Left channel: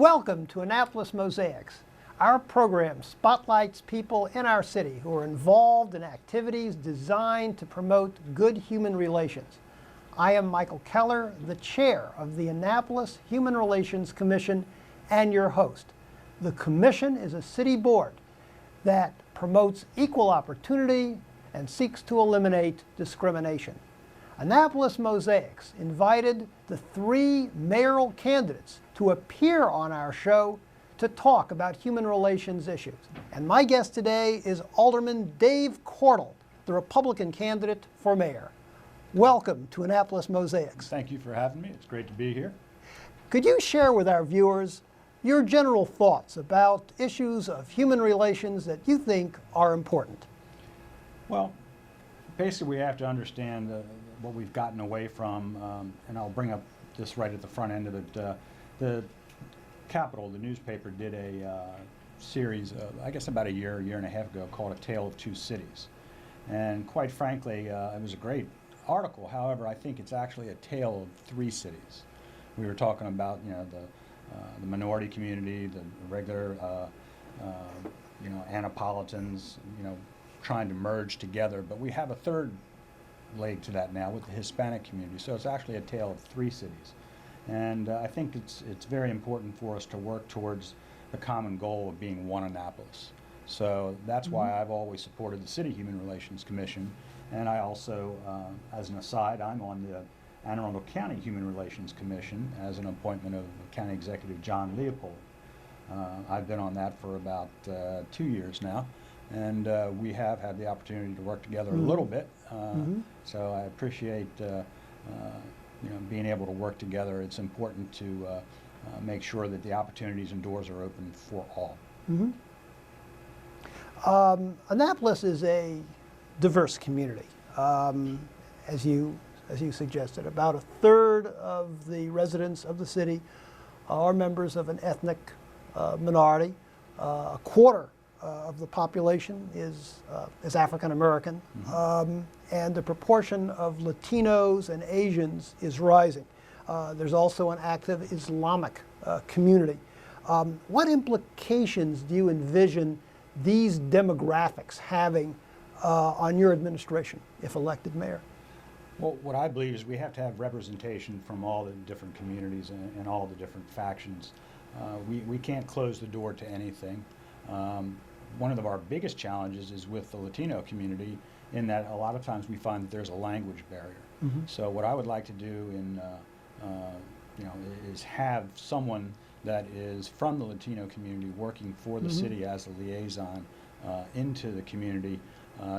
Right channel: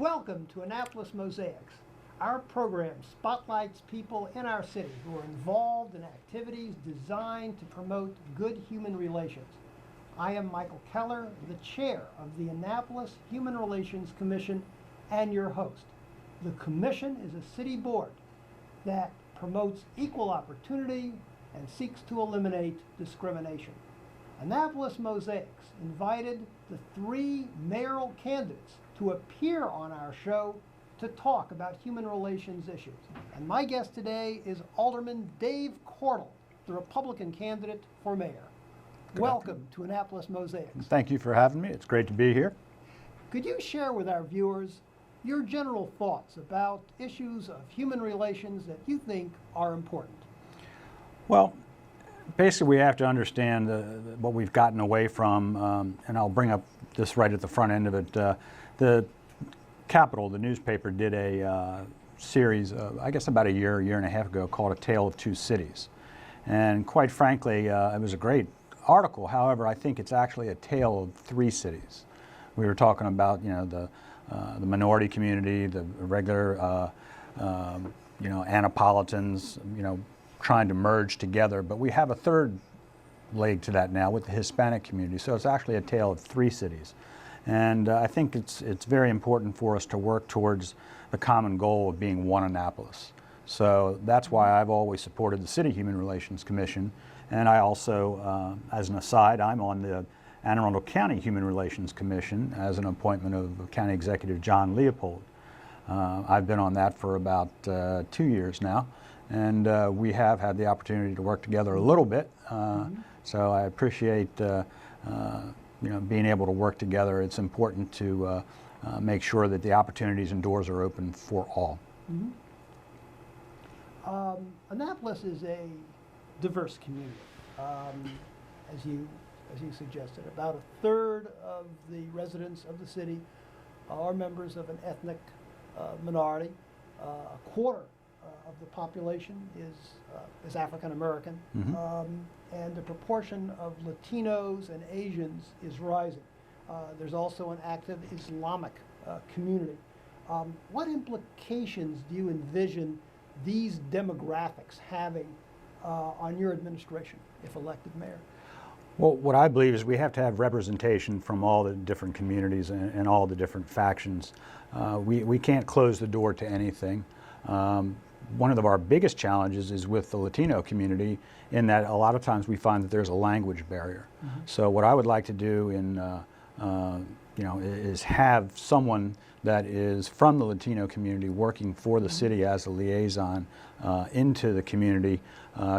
Welcome to Annapolis Mosaics. Our program spotlights people in our city who are involved in activities designed to promote good human relations. I am Michael Keller, the chair of the Annapolis Human Relations Commission and your host. The commission is a city board that promotes equal opportunity and seeks to eliminate discrimination. Annapolis Mosaics invited the 3 mayoral candidates to appear on our show to talk about human relations issues. And my guest today is Alderman Dave Cordle, the Republican candidate for mayor. Welcome to Annapolis Mosaics. Thank you for having me. It's great to be here. Could you share with our viewers your general thoughts about issues of human relations that you think are important? Well, basically we have to understand what we've gotten away from, and I'll bring up this right at the front end of it. The Capital, the newspaper, did a series, I guess about a year and a half ago, called A Tale of Two Cities. And quite frankly, it was a great article. However, I think it's actually a tale of 3 cities. We were talking about, the minority community, the regular, Annapolitans, trying to merge together. But we have a third leg to that now with the Hispanic community. So it's actually a tale of 3 cities. And I think it's very important for us to work towards the common goal of being one Annapolis. So that's why I've always supported the City Human Relations Commission. And I also, as an aside, I'm on the Anne Arundel County Human Relations Commission as an appointment of County Executive John Leopold. I've been on that for about 2 years now, and we have had the opportunity to work together a little bit. So I appreciate being able to work together. It's important to make sure that the opportunities and doors are open for all. Annapolis is a diverse community, as you suggested. About a third of the residents of the city are members of an ethnic minority. A quarter of the population is African American, and the proportion of Latinos and Asians is rising. There's also an active Islamic community. What implications do you envision these demographics having on your administration if elected mayor? Well, what I believe is we have to have representation from all the different communities and all the different factions. We can't close the door to anything. One of our biggest challenges is with the Latino community, in that a lot of times we find that there's a language barrier. So what I would like to do is have someone that is from the Latino community working for the city as a liaison into the community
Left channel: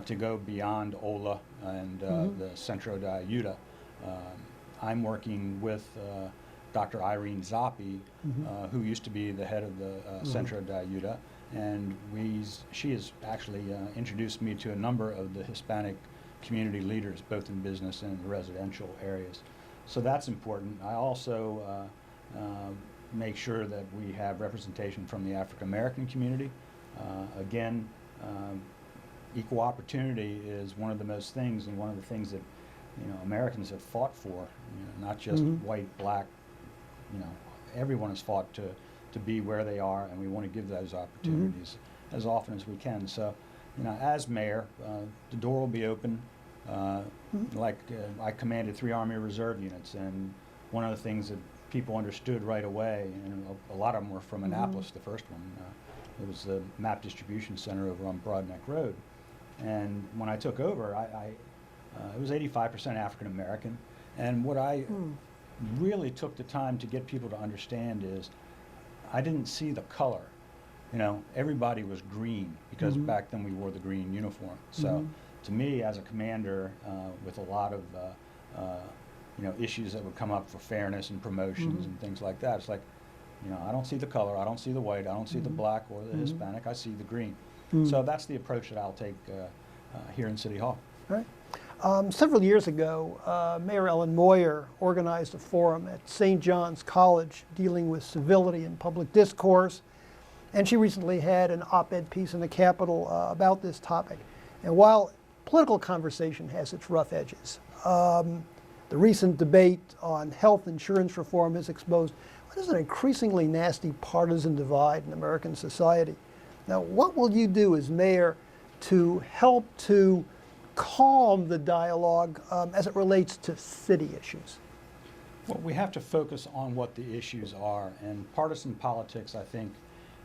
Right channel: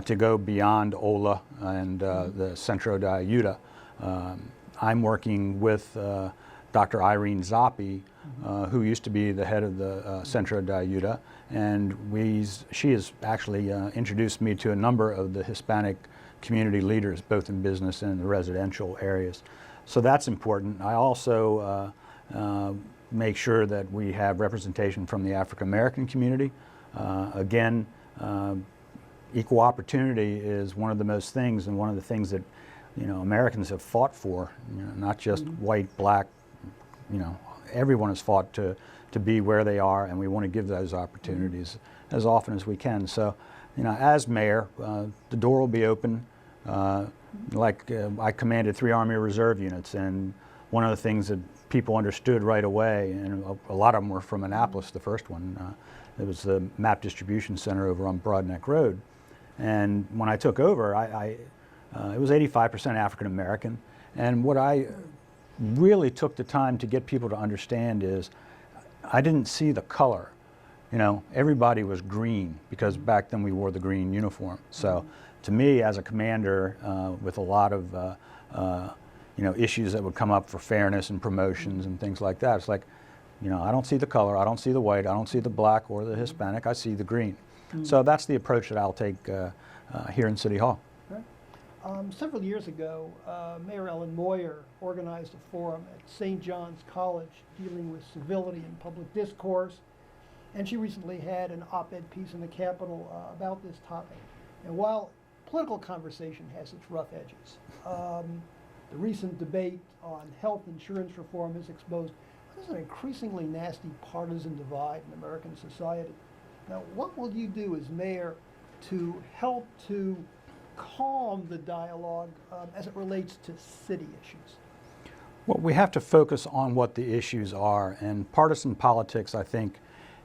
to go beyond OLA and the Centro de Ayuda. I'm working with Dr. Irene Zoppi, who used to be the head of the Centro de Ayuda, and she has actually introduced me to a number of the Hispanic community leaders, both in business and in the residential areas. So that's important. I also make sure that we have representation from the African American community. Again, equal opportunity is one of the most things, and one of the things that Americans have fought for. Not just white, black. Everyone has fought to be where they are, and we want to give those opportunities as often as we can. So, as mayor, the door will be open. I commanded 3 Army Reserve units, and one of the things that people understood right away, and a lot of them were from Annapolis, the first one. It was the MAP Distribution Center over on Broadneck Road. And when I took over, it was 85% African American. And what I really took the time to get people to understand is I didn't see the color. Everybody was green, because back then we wore the green uniform. So to me, as a commander, with a lot of issues that would come up for fairness and promotions and things like that, it's like, I don't see the color, I don't see the white, I don't see the black or the Hispanic, I see the green. So that's the approach that I'll take here in City Hall. Right. Several years ago, Mayor Ellen Moyer organized a forum at St. John's College dealing with civility in public discourse, and she recently had an op-ed piece in the Capitol about this topic. And while political conversation has its rough edges, the recent debate on health insurance reform has exposed what is an increasingly nasty partisan divide in American society. Now, what will you do as mayor to help to calm the dialogue as it relates to city issues? Well, we have to focus on what the issues are, and partisan politics, I think,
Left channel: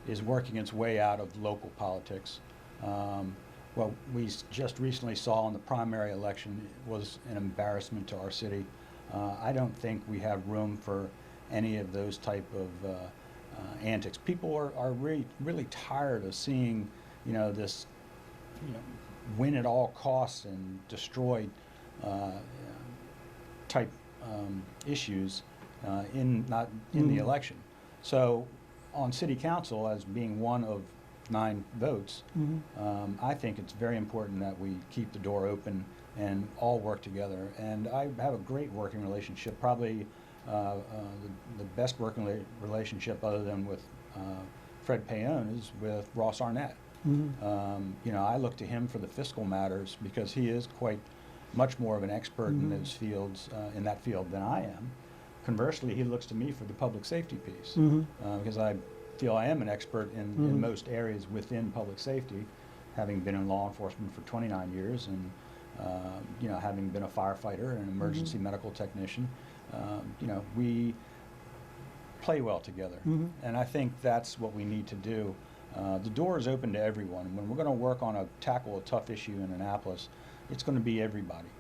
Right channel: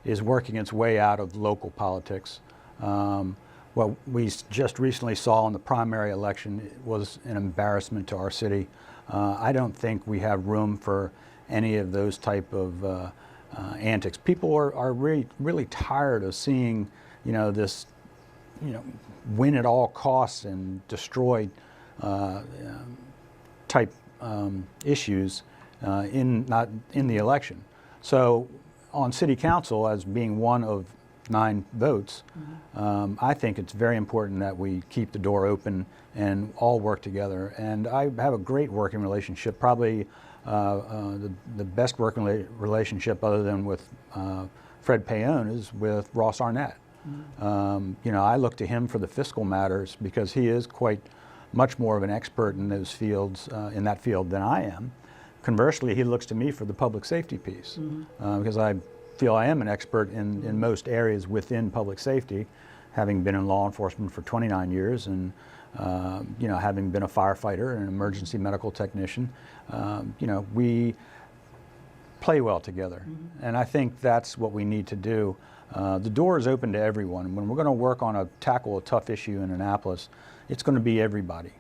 is working its way out of local politics. What we just recently saw in the primary election was an embarrassment to our city. I don't think we have room for any of those type of antics. People are really tired of seeing, this, win at all costs and destroy type issues in the election. So on city council, as being one of 9 votes, I think it's very important that we keep the door open and all work together. And I have a great working relationship, probably the best working relationship other than with Fred Payon is with Ross Arnett. I look to him for the fiscal matters because he is quite much more of an expert in those fields, in that field than I am. Conversely, he looks to me for the public safety piece because I feel I am an expert in most areas within public safety, having been in law enforcement for 29 years and having been a firefighter and an emergency medical technician. We play well together, and I think that's what we need to do. The door is open to everyone. When we're going to work on tackle a tough issue in Annapolis, it's going to be everybody.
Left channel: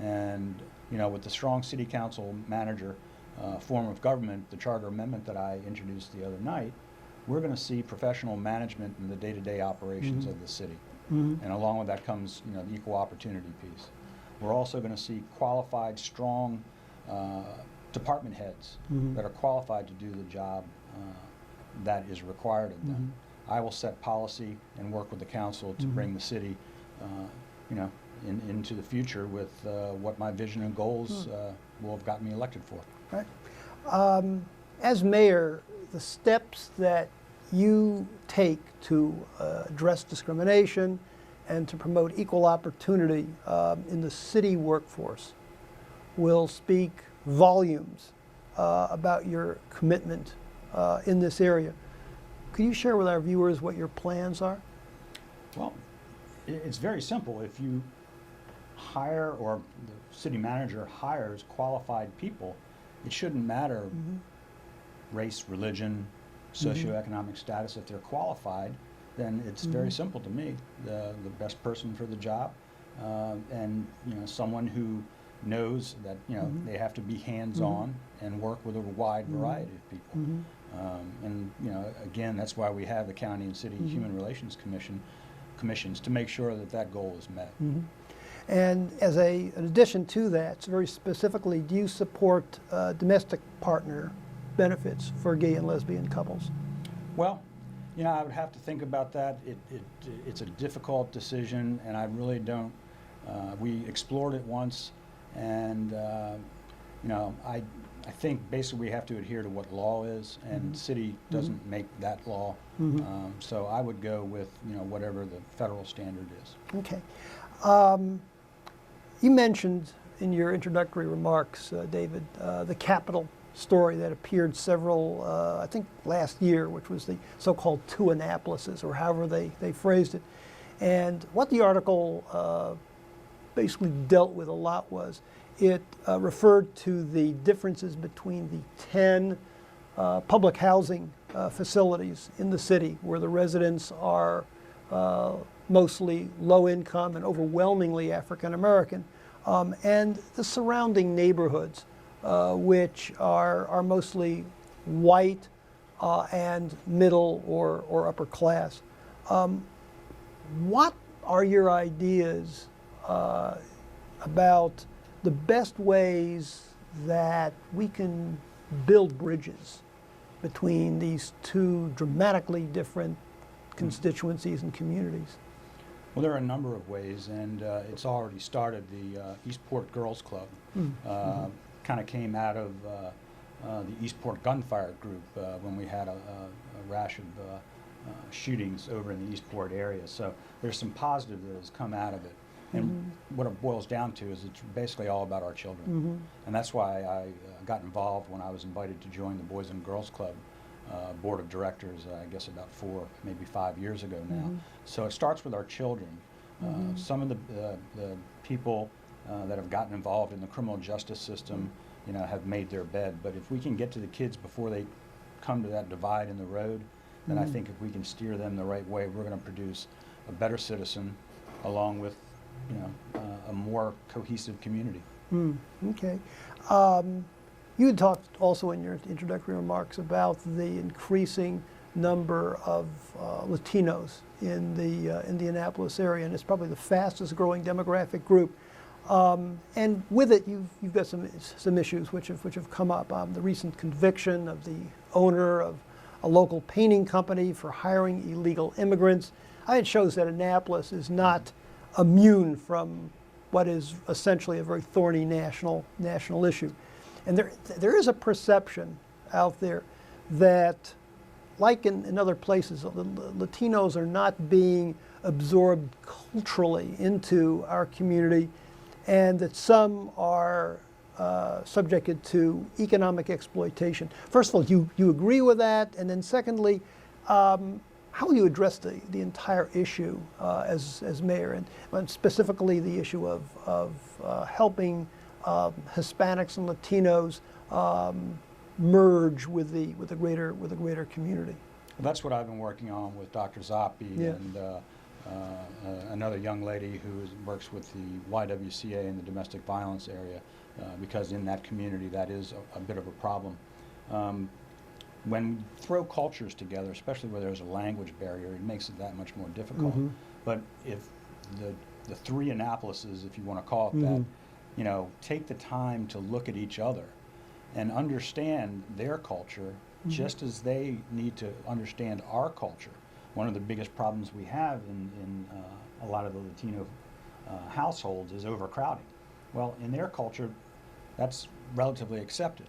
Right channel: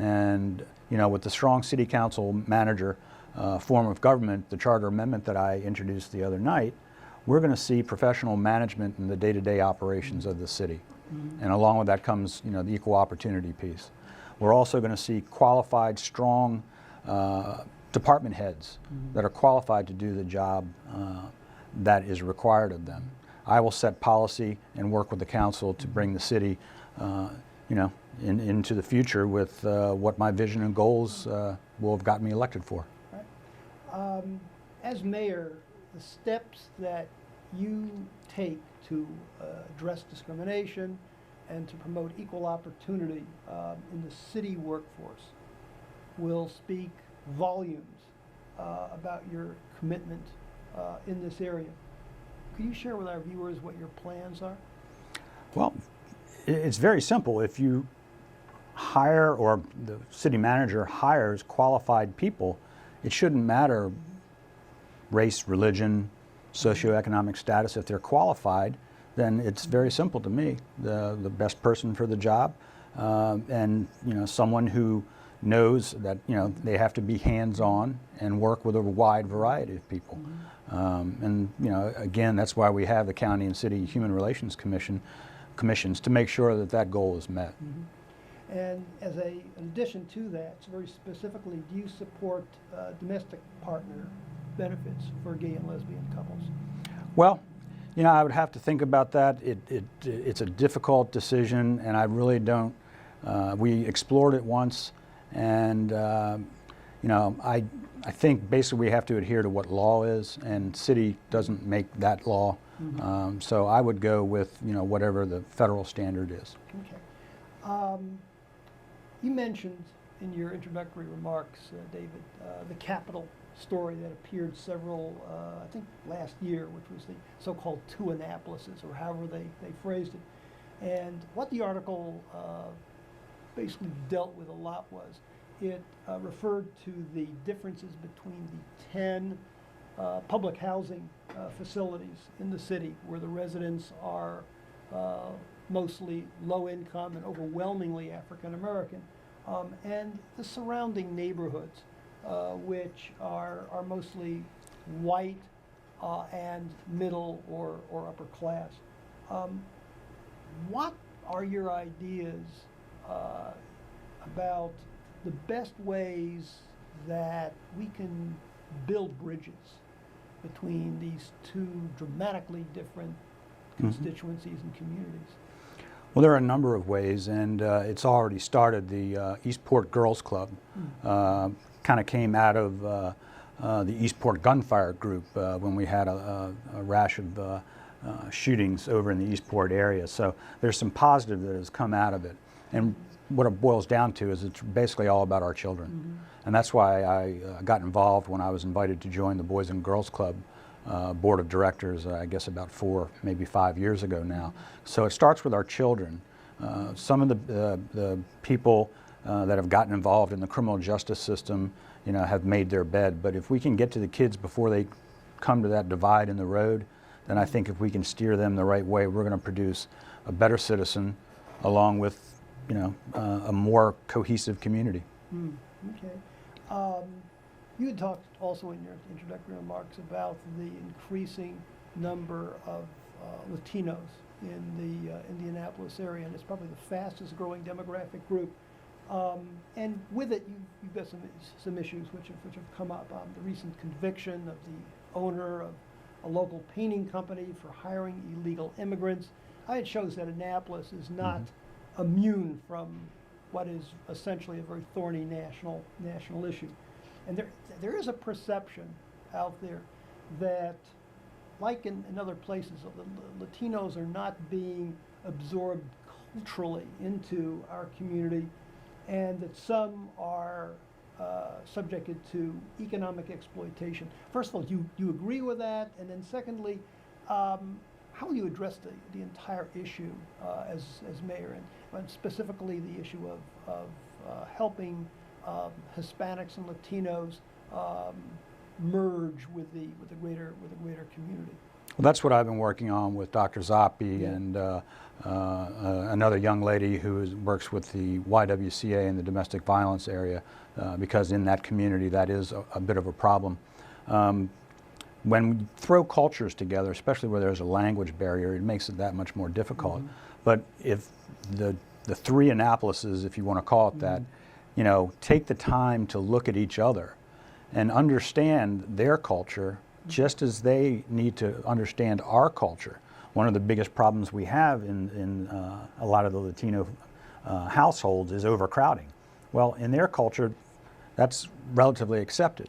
And with the strong city council manager form of government, the charter amendment that I introduced the other night, we're going to see professional management in the day-to-day operations of the city. And along with that comes, the equal opportunity piece. We're also going to see qualified, strong department heads that are qualified to do the job that is required of them. I will set policy and work with the council to bring the city, into the future with what my vision and goals will have gotten me elected for. Right. As mayor, the steps that you take to address discrimination and to promote equal opportunity in the city workforce will speak volumes about your commitment in this area. Could you share with our viewers what your plans are? Well, it's very simple. If you hire, or the city manager hires qualified people, it shouldn't matter race, religion, socioeconomic status. If they're qualified, then it's very simple to me. The best person for the job, and someone who knows that they have to be hands-on and work with a wide variety of people. And again, that's why we have the county and city human relations commissions to make sure that that goal is met. And as an addition to that, very specifically, do you support domestic partner benefits for gay and lesbian couples? Well, I would have to think about that. It's a difficult decision, and I really don't. We explored it once, and I think basically we have to adhere to what law is, and city doesn't make that law. So I would go with whatever the federal standard is. Okay. You mentioned in your introductory remarks, David, the Capitol story that appeared several, I think last year, which was the so-called two Annapolises, or however they phrased it. And what the article basically dealt with a lot was it referred to the differences between the 10 public housing facilities in the city where the residents are mostly low income and overwhelmingly African American, and the surrounding neighborhoods, which are mostly white and middle or upper class. What are your ideas about the best ways that we can build bridges between these two dramatically different constituencies and communities? Well, there are a number of ways, and it's already started. The Eastport Girls Club kind of came out of the Eastport Gunfire Group when we had a rash of shootings over in the Eastport area. So there's some positive that has come out of it. And what it boils down to is it's basically all about our children. And that's why I got involved when I was invited to join the Boys and Girls Club board of directors, I guess about 4, maybe 5 years ago now. So it starts with our children. Some of the people that have gotten involved in the criminal justice system, you know, have made their bed. But if we can get to the kids before they come to that divide in the road, then I think if we can steer them the right way, we're going to produce a better citizen, along with, you know, a more cohesive community. Okay. You had talked also in your introductory remarks about the increasing number of Latinos in the Annapolis area, and it's probably the fastest growing demographic group. And with it, you've got some issues which have come up. The recent conviction of the owner of a local painting company for hiring illegal immigrants. It shows that Annapolis is not immune from what is essentially a very thorny national issue. And there is a perception out there that, like in other places, Latinos are not being absorbed culturally into our community, and that some are subjected to economic exploitation. First of all, do you agree with that? And then secondly, how will you address the entire issue as mayor, and specifically the issue of helping Hispanics and Latinos merge with the greater community? Well, that's what I've been working on with Dr. Zoppi and another young lady who works with the YWCA in the domestic violence area, because in that community that is a bit of a problem. When we throw cultures together, especially where there's a language barrier, it makes it that much more difficult. But if the three Annapolises, if you want to call it that, you know, take the time to look at each other and understand their culture just as they need to understand our culture. One of the biggest problems we have in a lot of the Latino households is overcrowding. Well, in their culture, that's relatively accepted.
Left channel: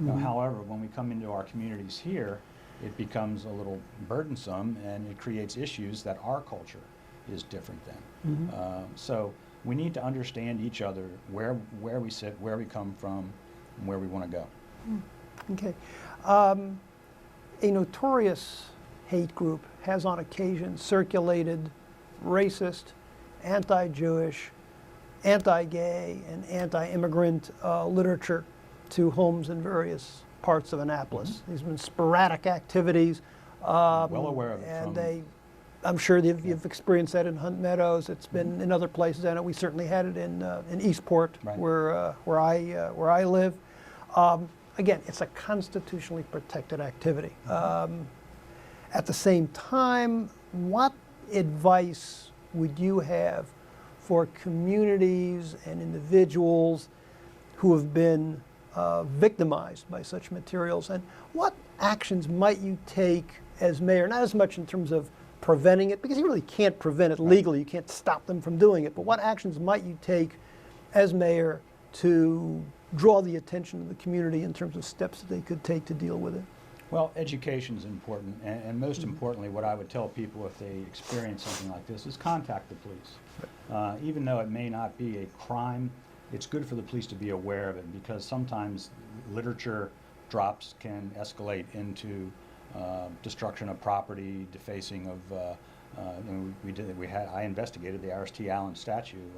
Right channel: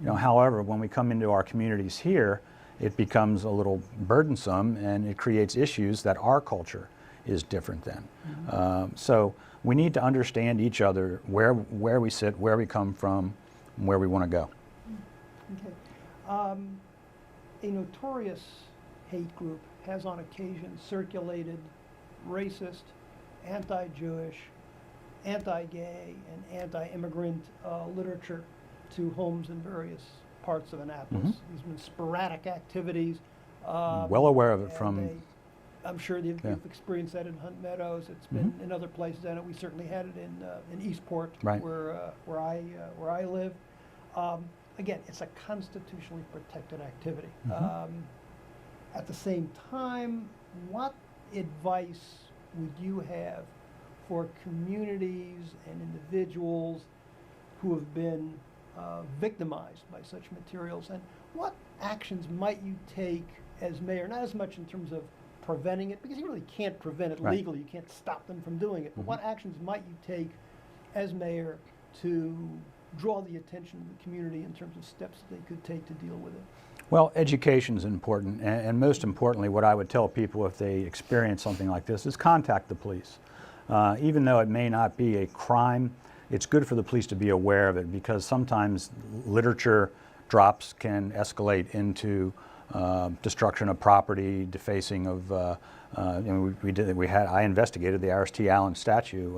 You know, however, when we come into our communities here, it becomes a little burdensome, and it creates issues that our culture is different than. So we need to understand each other, where we sit, where we come from, and where we want to go. Okay. A notorious hate group has on occasion circulated racist, anti-Jewish, anti-gay, and anti-immigrant literature to homes in various parts of Annapolis. There's been sporadic activities. Well aware of it from... I'm sure you've experienced that in Hunt Meadows. It's been in other places. I know we certainly had it in Eastport, where I live. Again, it's a constitutionally protected activity. At the same time, what advice would you have for communities and individuals who have been victimized by such materials, and what actions might you take as mayor, not as much in terms of preventing it, because you really can't prevent it legally, you can't stop them from doing it, but what actions might you take as mayor to draw the attention of the community in terms of steps that they could take to deal with it? Well, education is important, and most importantly, what I would tell people if they experience something like this is contact the police. Even though it may not be a crime, it's good for the police to be aware of it, because sometimes literature drops can escalate into destruction of property, defacing of. I investigated the R.S.T. Allen statue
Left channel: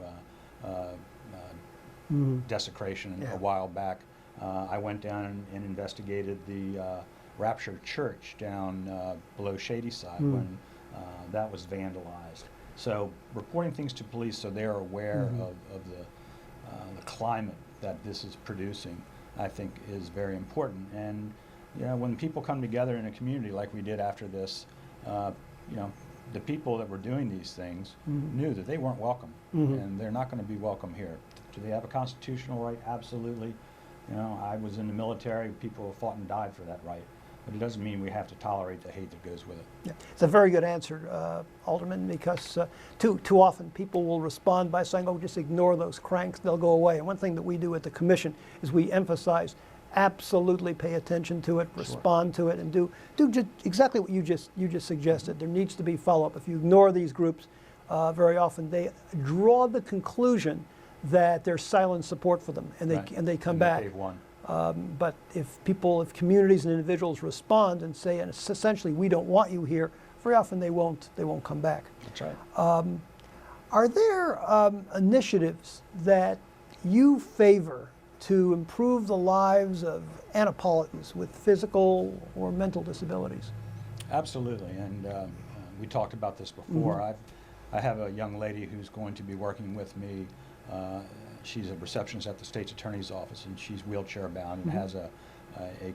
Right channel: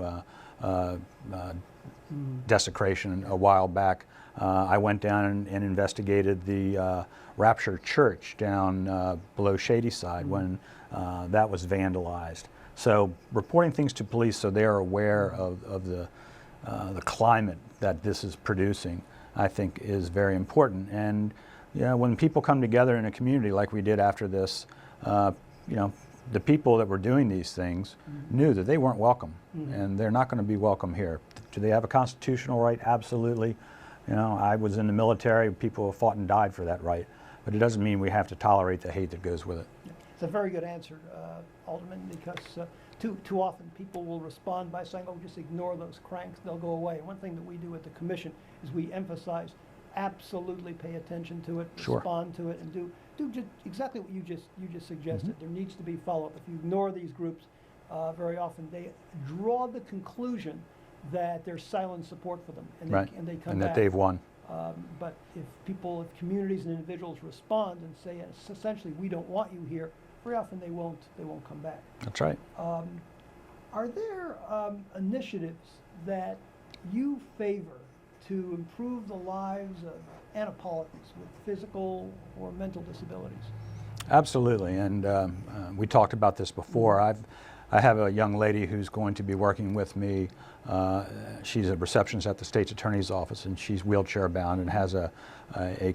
desecration a while back. I went down and investigated the Rapture Church down below Shadyside when that was vandalized. So reporting things to police so they're aware of the climate that this is producing, I think, is very important. And you know, when people come together in a community like we did after this, you know, the people that were doing these things knew that they weren't welcome, and they're not going to be welcome here. Do they have a constitutional right? Absolutely. You know, I was in the military. People have fought and died for that right. But it doesn't mean we have to tolerate the hate that goes with it. Yeah. It's a very good answer, Alderman, because too often people will respond by saying, oh, just ignore those cranks, they'll go away. And one thing that we do at the commission is we emphasize absolutely pay attention to it, respond to it, and do just exactly what you just suggested. There needs to be follow-up. If you ignore these groups, very often they draw the conclusion that there's silent support for them, and they, Right. and they come and back. that they've won. But if communities and individuals respond and say, and essentially, we don't want you here, very often they won't come back. That's right. Are there initiatives that you favor to improve the lives of Annapolitans with physical or mental disabilities? Absolutely, and we talked about this before. I have a young lady who's going to be working with me. She's a receptionist at the State's Attorney's Office, and she's wheelchair bound and has a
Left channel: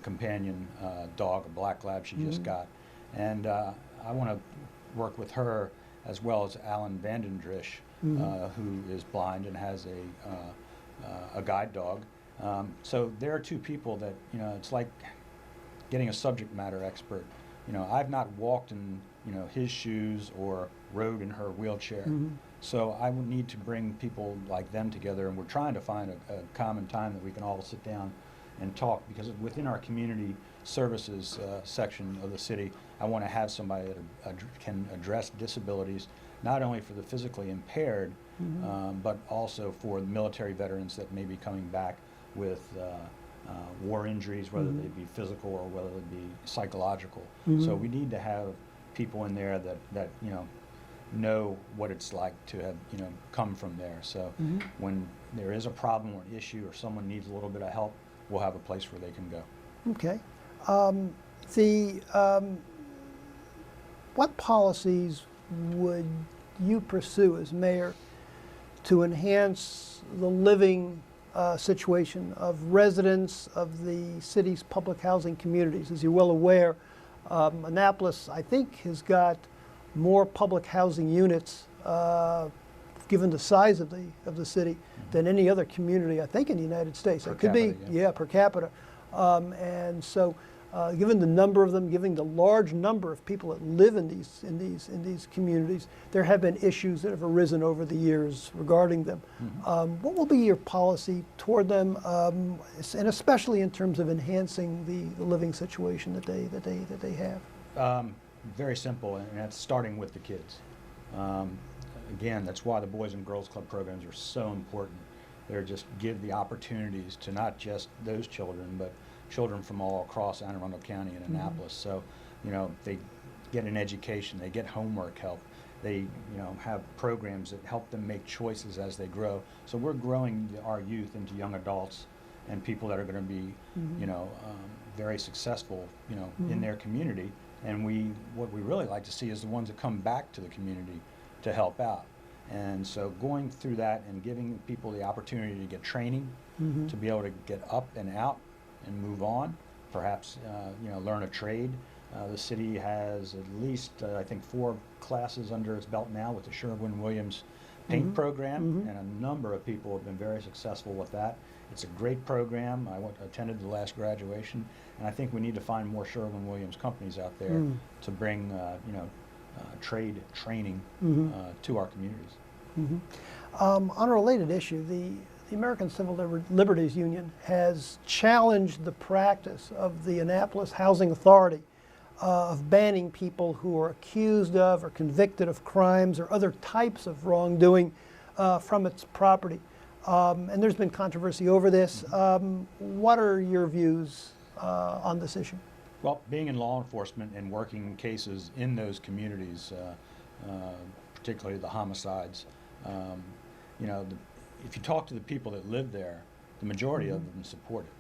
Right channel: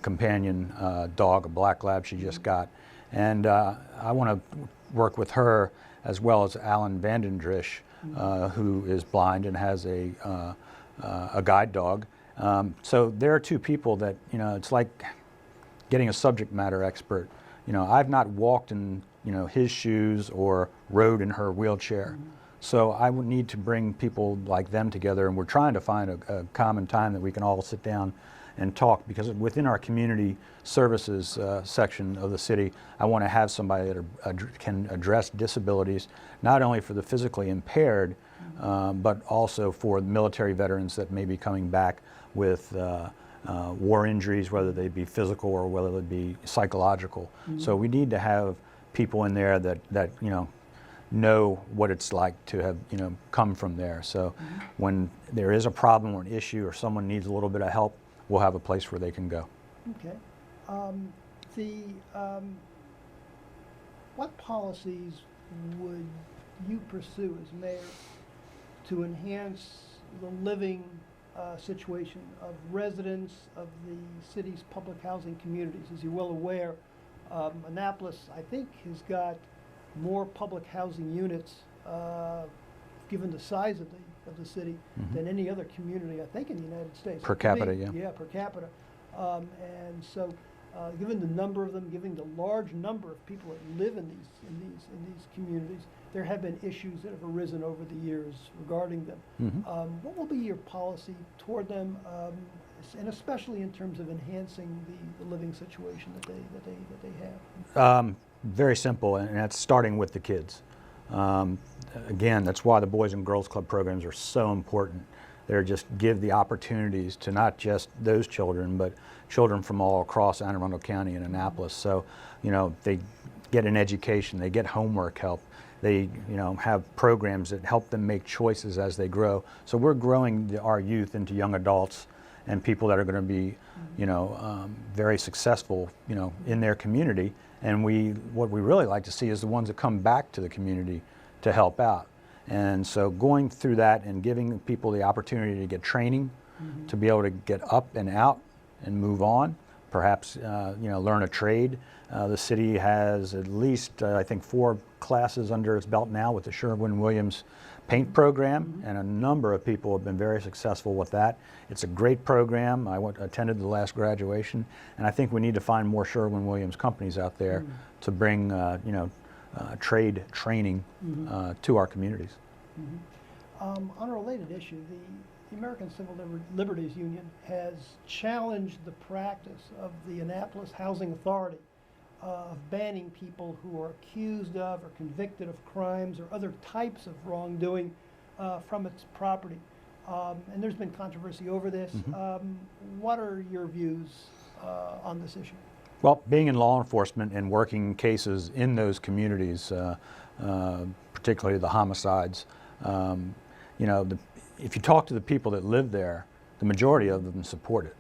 companion dog, a black lab she just got. And I want to work with her as well as Alan Vandendrish, who is blind and has a guide dog. So there are two people that, you know, it's like getting a subject matter expert. You know, I've not walked in, you know, his shoes or rode in her wheelchair. So I would need to bring people like them together, and we're trying to find a common time that we can all sit down and talk, because within our community services section of the city, I want to have somebody that can address disabilities, not only for the physically impaired, but also for military veterans that may be coming back with war injuries, whether they be physical or whether they be psychological. So we need to have people in there that you know what it's like to have, you know, come from there. So when there is a problem or an issue or someone needs a little bit of help, we'll have a place where they can go. Okay. What policies would you pursue as mayor to enhance the living situation of residents of the city's public housing communities? As you're well aware, Annapolis, I think, has got more public housing units, given the size of the city, than any other community, I think, in the United States. Per capita, yeah, per capita. And so, given the number of them, given the large number of people that live in these communities, there have been issues that have arisen over the years regarding them. What will be your policy toward them, and especially in terms of enhancing the living situation that they have? Very simple, and that's starting with the kids. Again, that's why the Boys and Girls Club programs are so important. They're just give the opportunities to not just those children, but children from all across Anne Arundel County and Annapolis. So, you know, they get an education, they get homework help, they, you know, have programs that help them make choices as they grow. So we're growing our youth into young adults and people that are going to be, you know, very successful, you know, in their community. And what we really like to see is the ones that come back to the community to help out. And so going through that and giving people the opportunity to get training, to be able to get up and out and move on, perhaps you know, learn a trade. The city has at least I think 4 classes under its belt now with the Sherwin-Williams paint program, and a number of people have been very successful with that. It's a great program. I attended the last graduation, and I think we need to find more Sherwin-Williams companies out there to bring you know, trade training to our communities. On a related issue, the American Civil Liberties Union has challenged the practice of the Annapolis Housing Authority of banning people who are accused of or convicted of crimes or other types of wrongdoing from its property. And there's been controversy over this. What are your views on this issue? Well, being in law enforcement and working cases in those communities, particularly the homicides, you know, if you talk to the people that live there, the majority of them support it.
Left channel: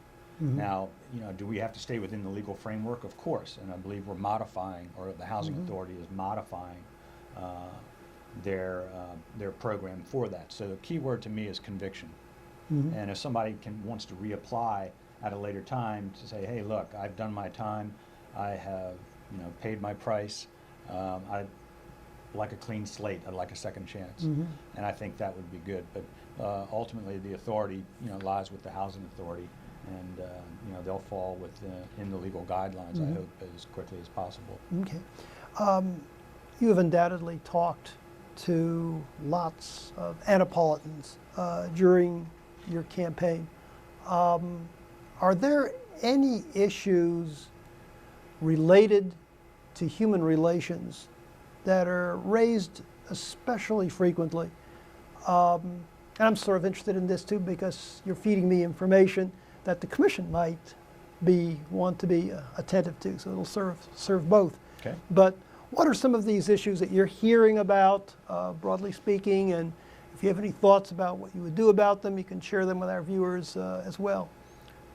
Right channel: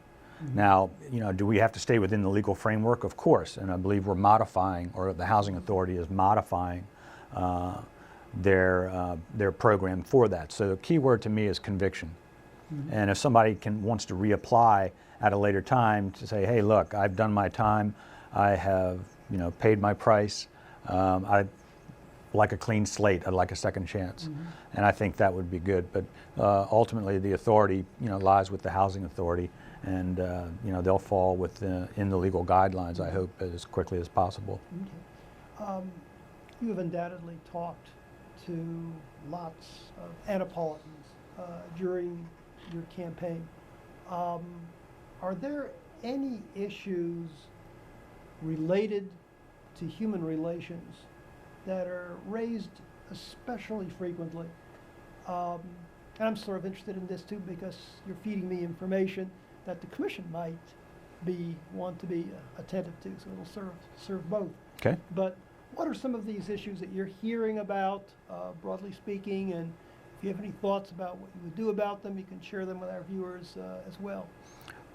Now, you know, do we have to stay within the legal framework? Of course, and I believe we're modifying, or the Housing Authority is modifying their program for that. So the key word to me is conviction. And if somebody wants to reapply at a later time to say, hey, look, I've done my time, I have, you know, paid my price, I like a clean slate, I'd like a second chance. And I think that would be good. But ultimately, the authority, you know, lies with the Housing Authority, and you know, they'll fall in the legal guidelines, I hope, as quickly as possible. Okay. You have undoubtedly talked to lots of Annapolitans during your campaign. Are there any issues related to human relations that are raised especially frequently. And I'm sort of interested in this too because you're feeding me information that the commission might want to be attentive to, so it'll serve both. Okay. But what are some of these issues that you're hearing about, broadly speaking, and if you have any thoughts about what you would do about them, you can share them with our viewers as well.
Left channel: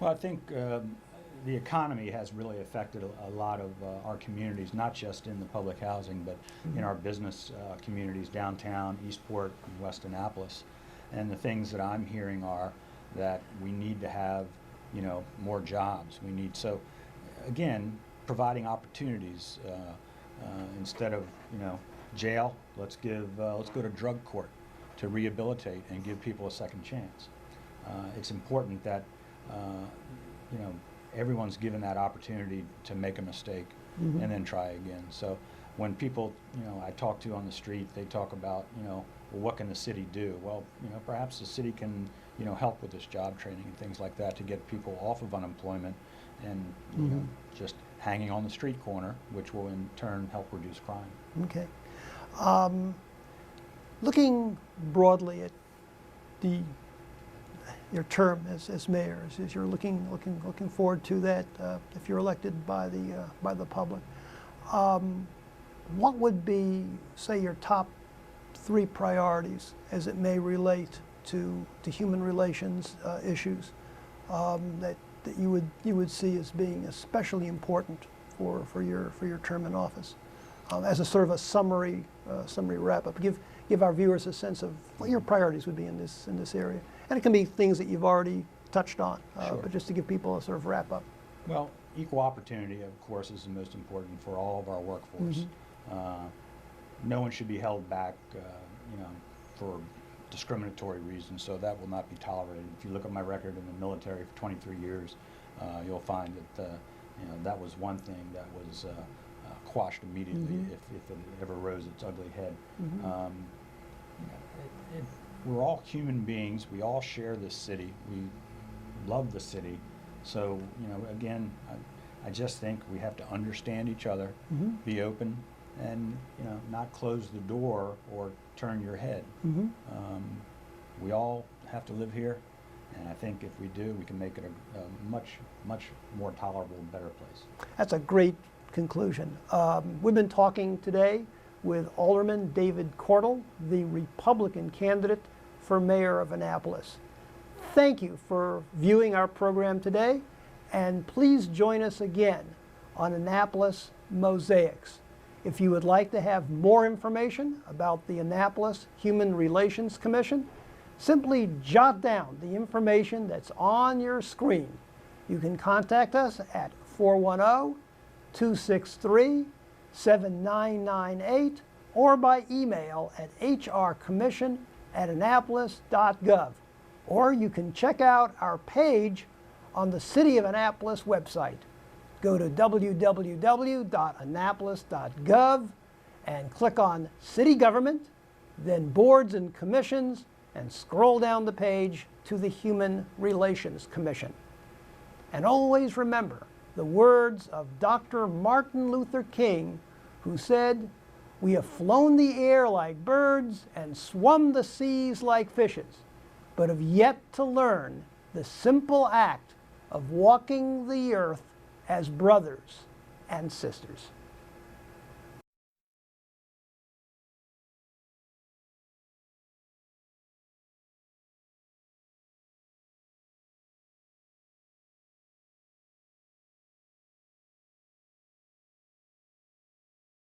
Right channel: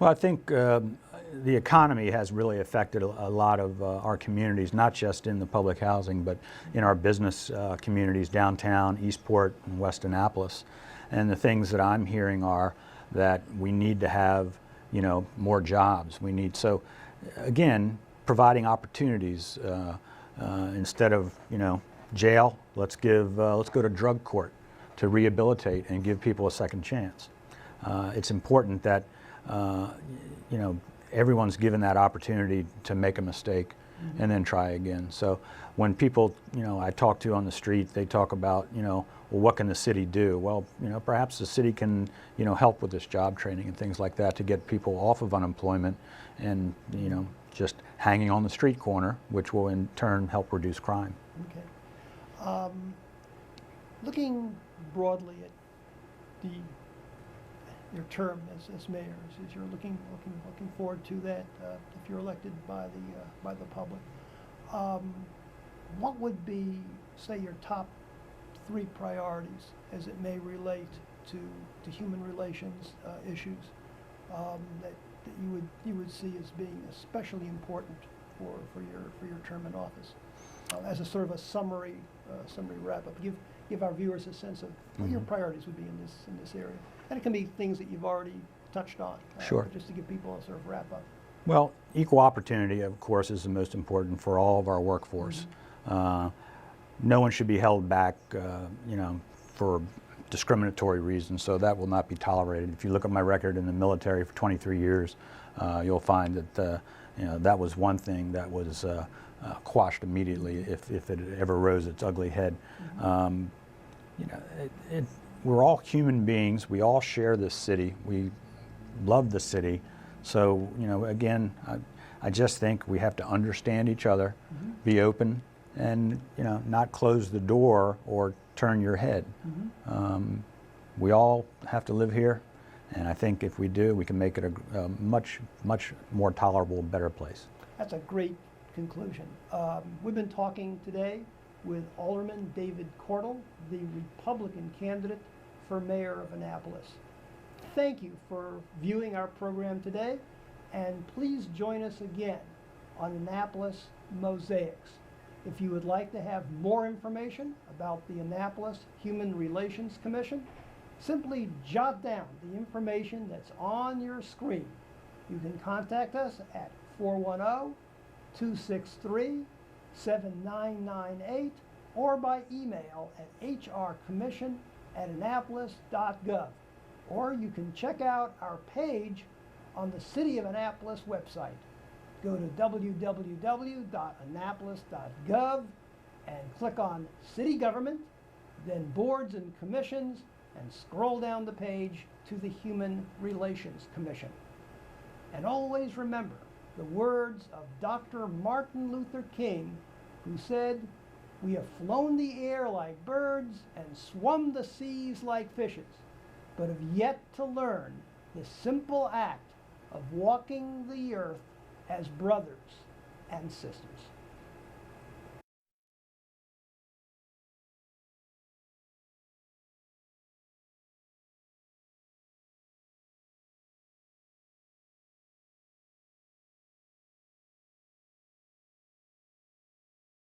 Well, I think the economy has really affected a lot of our communities, not just in the public housing, but in our business communities, downtown, Eastport, and West Annapolis. And the things that I'm hearing are that we need to have, more jobs. We need, so again, providing opportunities instead of, jail. Let's go to drug court to rehabilitate and give people a second chance. It's important that everyone's given that opportunity to make a mistake and then try again. So when people, I talk to on the street, they talk about, well, what can the city do? Well, perhaps the city can, help with this job training and things like that to get people off of unemployment and, just hanging on the street corner, which will in turn help reduce crime. Okay. Looking broadly at your term as mayor, as you're looking forward to that if you're elected by the public, what would be, say, your top 3 priorities as it may relate to human relations issues that you would see as being especially important for your term in office, as a sort of a summary wrap up. Give our viewers a sense of what your priorities would be in this area, and it can be things that you've already touched on. Sure. But just to give people a sort of wrap up. Well, equal opportunity, of course, is the most important for all of our workforce. No one should be held back, for discriminatory reasons, so that will not be tolerated. If you look at my record in the military for 23 years, you'll find that that was one thing that was quashed immediately if it ever rose its ugly head. We're all human beings. We all share this city. We love the city. So, again, I just think we have to understand each other, be open, and, not close the door or turn your head. We all have to live here, and I think if we do, we can make it a much, much more tolerable, better place. That's a great conclusion. We've been talking today with Alderman David Cordle, the Republican candidate for mayor of Annapolis. Thank you for viewing our program today, and please join us again on Annapolis Mosaics. If you would like to have more information about the Annapolis Human Relations Commission, simply jot down the information that's on your screen. You can contact us at 410-263-7998 or by email at hrcommission@annapolis.gov. Or you can check out our page on the City of Annapolis website. Go to www.annapolis.gov and click on City Government, then Boards and Commissions, and scroll down the page to the Human Relations Commission. And always remember the words of Dr. Martin Luther King, who said, "We have flown the air like birds and swum the seas like fishes, but have yet to learn the simple act of walking the earth as brothers and sisters."